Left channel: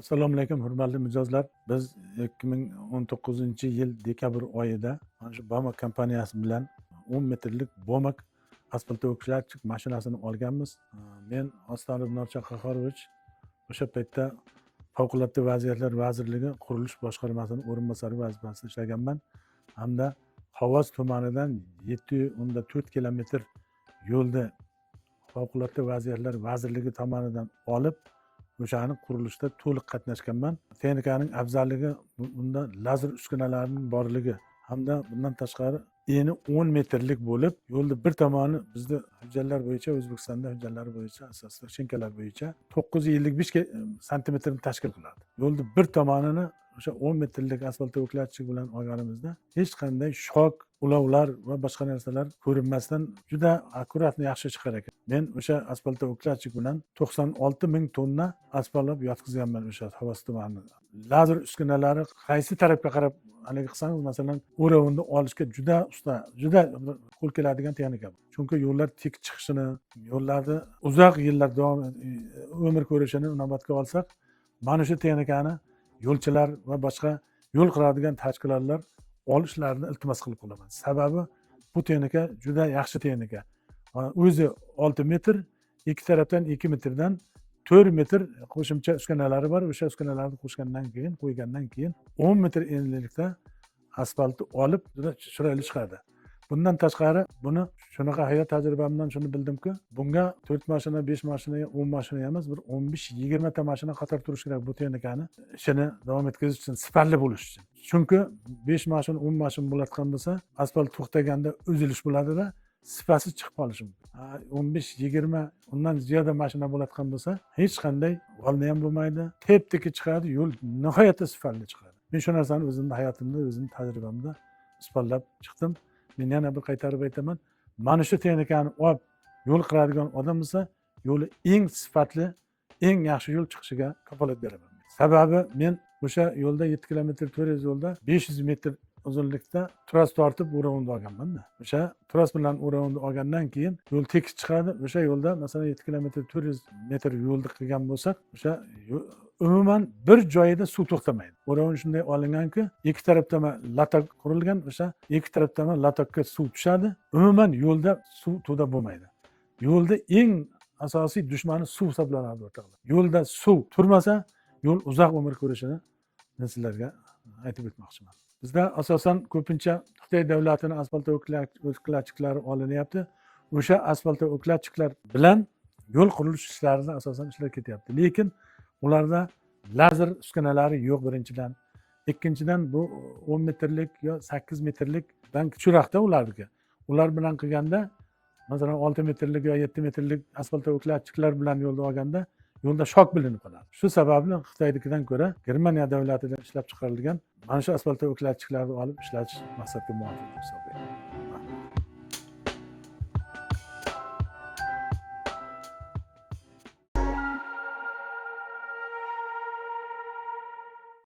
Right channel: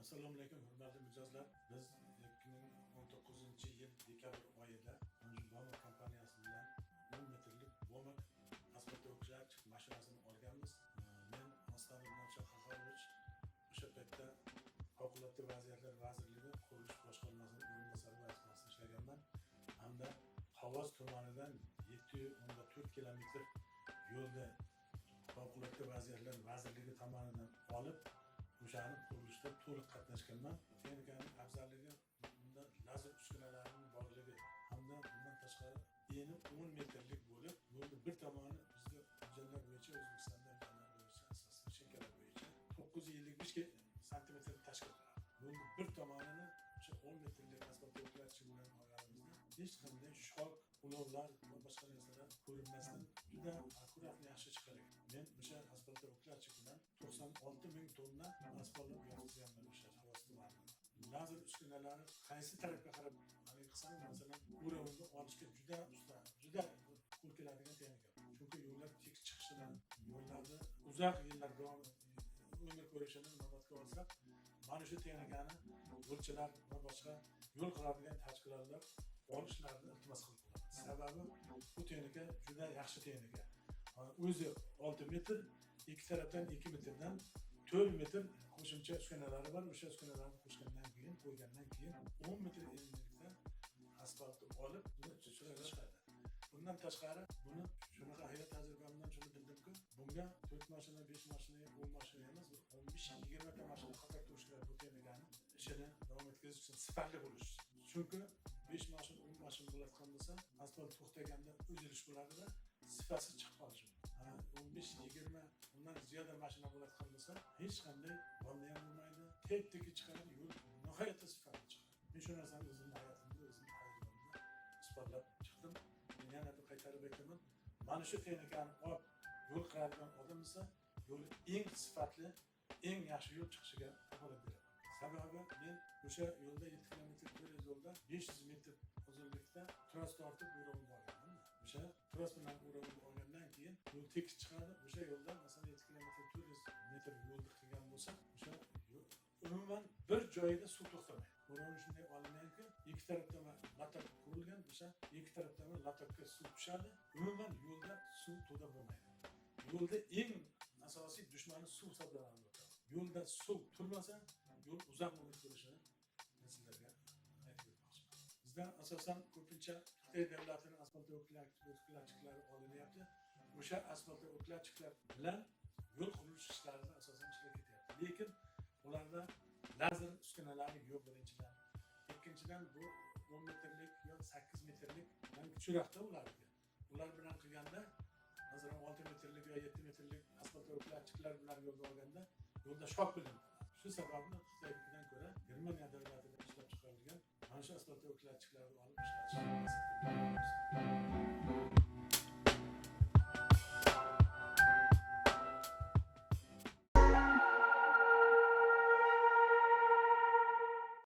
Assalomu alaykum, hurmatli mijozlar. Biz 2019-yil dekabr oyida mana shu Bama kompaniyasi bilan 10 metrlik Bomak asfaltovo'klatchik mashinasini olganmiz. Men Ostonov Norcha Qahorovich o'sha paytda Favqulodda vaziyatlar vazirligi qurilish boshqarmasining o'rinbosari vazifasida ishlaganman. Hamda Xovos tumanidan 7.4 kilometr yo'lda Favqulodda vaziyatlar vazirligi tomonidan olib o'shani qurilishda to'liq qatnashganman. Texnikaning afzalligi bunda lazer uskunalarining borligi hamda bundan tashqari eni 10 metrlik bo'lib, yo'lda bir tomoni bizda hujjatlar bo'yicha O'zbekistonda hujjatlari bo'yicha asosda shinkalar bo'yicha 955 santimetrni tashkil qiladi. Yo'lda bir tomonini o'sha 10 metrlik asfaltovo'klatchik bilan olganimizda hech qanday shok, ulovlar va boshqa narsalar ko'rinmasdan juda akkuratni yaxshi chiqar ekan. Men o'sha asfaltovo'klatchik bilan 96 ming tonna asfalt yotqizganman o'sha Xovos tumanida. Lazer uskunalari qaysi tarafga qarab haligi qilsangiz, masalan, o'ravni olishga juda usta, juda qo'l keladigan texnika. Chunki yo'llar tik chiqishini, yo'llarni uzoq yillar davom umr ko'rishini inobatga olsak, mana shu texnikani yo'lchilar va boshqa yo'l quradigan tashkilotlar olishlarini iltimos qilib qolaman. Sababi bu texnika juda yaxshi texnika. O'zi 6 metr, ikki tarafdan 2 metrdan 4 metr qo'shimcha uskunalari bor. O'sha uskunalarni qo'ygandan keyin 10 metr enlilikda asfaltni olib juda chiroyli chiqadi. Bundan tashqari buni shunaqa hayot tajribamdan shuni bildimki, bunga 4 mashina, 5 mashina, 10 mashina emas, bir 15-20 ta mashina qator turishi kerak bu texnikani ishini davom etkazish uchun, sifatli bo'lish uchun. Chunki 5 mashina, 10 mashina bo'ladigan bo'lsa, asfalt to'xtaganda uzilish bo'ladida, sifatsiz chiqib qolishi mumkin. 15-20 undan ziyoda mashina bo'ladigan bo'lsa, hech qanday g'olni ham bo'lmaydi, tep-teki chiqadi, yo'l nihoyatda sifatli chiqadi. Men shu narsani o'zimning hayotimda, o'zimning tajribamda isbotlab chiqdim. Men yana bir qaytarib aytaman, mana shu texnikani olib yo'l quradigan odam bo'lsa, yo'li eng sifatli, eng yaxshi yo'l chiqishiga kafolat beraman. Sababi men o'sha yo'lda 7 kilometr 400 yo'lda 500 metr uzunlikda tros tortib o'ravni olganman-da. O'sha tros bilan o'ravni olgandan keyin yo'l tekis chiqadi. O'sha yo'lda masalan 7 kilometr 400 metr yo'lni qilgan bo'lsak, o'sha umuman bir joyida suv to'xtamaydi. O'ravni shunday olinganki, ikki tarafdan latok qurilgan, o'sha ikki tarafdan latokka suv tushadi. Umuman yo'lda suv to'da bo'lmaydi. Yo'lda eng asosiy dushmani suv hisoblanadi o'rtoqlar. Yo'lda suv turmasa, yo'l uzoq umr ko'rishini men sizlarga aytib o'tmoqchiman. Bizda asosan ko'pincha Xitoy davlatining asfaltovo'klatchiklari olinyapti. O'sha asfaltovo'klatchiklar bilan yo'l qurilish ishlarida asosan ishlar ketyapti. Lekin ularda lazer uskunalari yo'q birinchidan. Ikkinchidan bu 10 metrlik yo 8 metrlikdan kichikroqda ularniki. Ular bilan qilganda, masalan 6 metrlik yo 7 metrlik asfaltovo'klatchiklar bilan yo'lda olganda yo'lda shok bilinib qoladi. Shu sababli Xitoynikidan ko'ra Germaniya davlatidan ishlab chiqarilgan mana shu asfaltovo'klatchiklarni olib ishlatish maqsadga muvofiq hisoblanadi.